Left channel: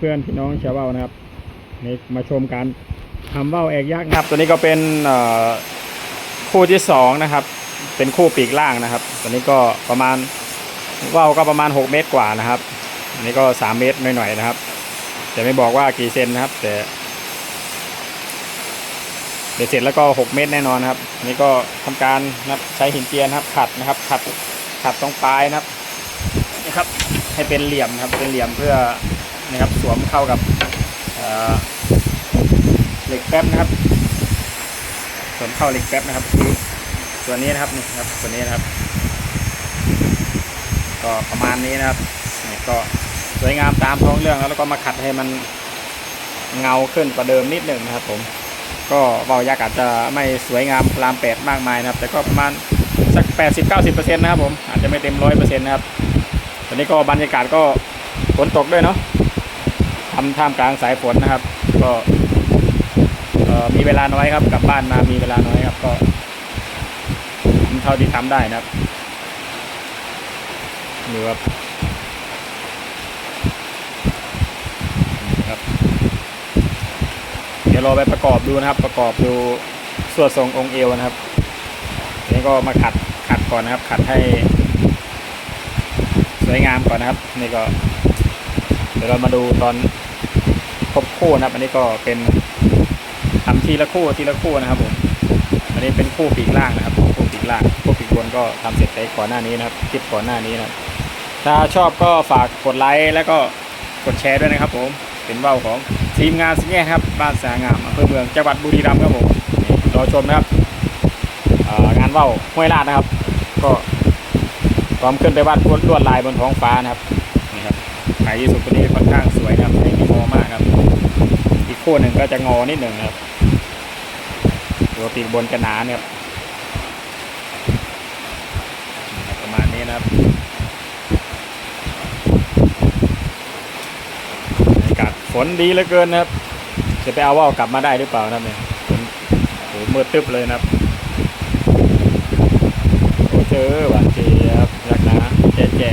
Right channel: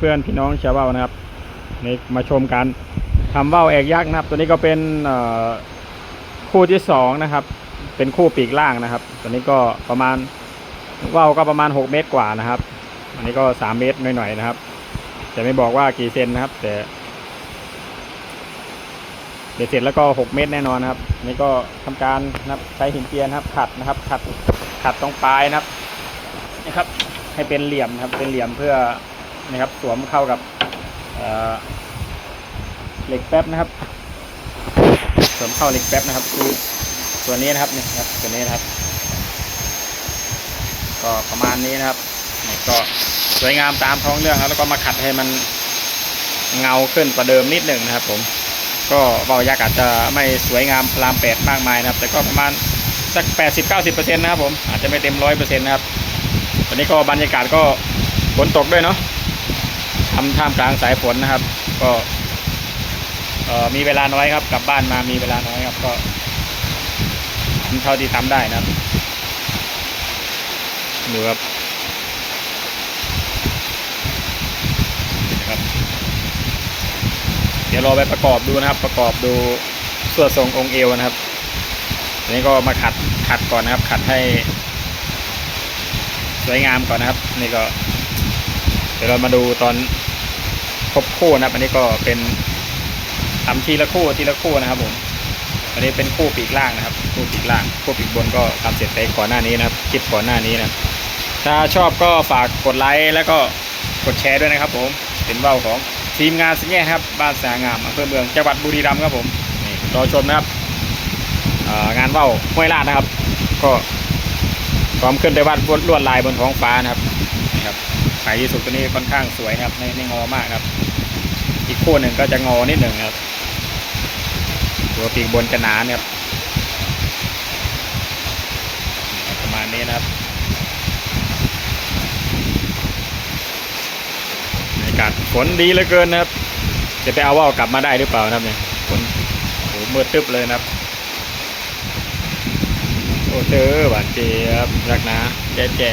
เพื่อนๆพี่น้องชาวว่านะครับนี่มาชมการทำว่าวแอกยักษ์นะครับ ตัวนี้ก็เป็นคู่ที่สองนะครับ เป็นคู่ปีกล่างนะครับ ตัวนี้ก็ประมาณว่าวก็ประมาณ 6 เมตรกว่านะครับ อันนี้ก็ 3 เมตรหน่อยๆนะครับจะไม่บอกว่ากี่เซนนะครับ แต่เดี๋ยวเสร็จแล้วก็ 6 เมตรแน่นอนนครับอันนี่ก็ทำการนะครับใช้หินเจียนะครับขัดนะครับขัดขัดตรงปลายนะครับนะครับ ให้เป็นเหลี่ยมนะครับเป็นเหลี่ยมเพื่อ นะครับสวมเข้ากับเเหล็กแป๊บนะครับสวมเข้าเหล็กแป๊บนะครับคือส่วนนี้นะครับนี่ครับส่วนนี้นะครับ ก็ประมาณนี้นะครับนี่ก็สวยงามตามท้องเรื่องแล้วก็มาขัดให้มันเงาขึ้นกว่าเดิมนิดหนึ่งนะครับ ผม ก็เบายักษ์อาจจะไม่สวยงามพลามแปดมากมายนะครับ แต่ก็ประมาณสักแปดสิบเก้าสิบเปอร์เซ็นต์นะครับผมอาจจะไม่เต็มร้อยเปอร์เซ็นต์นะครับตอนนี้ก็บรรยากาศก็ฝนตกด้วยเนาะ ทำท่ามกลางสายฝนนะครับ ก็มีเวลาน้อยครับกลับบ้านมามีเวลาน้อยครับ ก็ทำเท่าที่ทำได้นะครับดูครับนี่นะครับ เดี๋ยวเราไปประกอบดูนะครับ ประกอบดูส่วนทรงองค์เอวนะครับอันนี้ก็มาขัดขัดก่อนนะครับ ขัดให้สวยงามก่อนนะครับ นี่ก็ ดี๋ยวเรามาดูตอนครบคู่นะครับ อันนี้ก็เป็นทำทีละคู่ทีละคู่นะครับผม อันนี้เป็นคู่ปีกล่างนะครับ คู่ปีกล่าง คู่ปีกบนก็ทำเสร็จไปก่อนหน้านี้นะครับ คลิปก่อนหน้านี้นะถ้าชอบก็ฝากกดไลค์แล้วก็กดแชร์ด้วยนะครับผม เป็นเบ้าของทีมงานสิแง่ครับ บ้านสางามอำเภอเมืองจังหวัดบุรีรัมย์ครับผมรอชมนะครับงานเบ้าห้วยลาดนะครับ ก็พร้อมขึ้นไปวาดลวดลายบนท้องฟ้านะครับ ครับสายยีสุดตัวนี้ค่อนข้างสวยนะครับไม่ไม่งอมากครับ อีกคู่หนึ่งก็จะงอนิดหนึ่งครับ ตัวปีกบนจะหนาเนี่ยครับประมาณนี้นะครับบรรยากาศฝนดีเหลือเกินนะครับ จะไปเอาว่าวกลับมาได้หรือเปล่านะครับเนี่ยฝนโอ้โหมืดตึ๊บเลยนะครับโอ้เจอหวานเจี๊ยบรักนะแจ๋แจ๋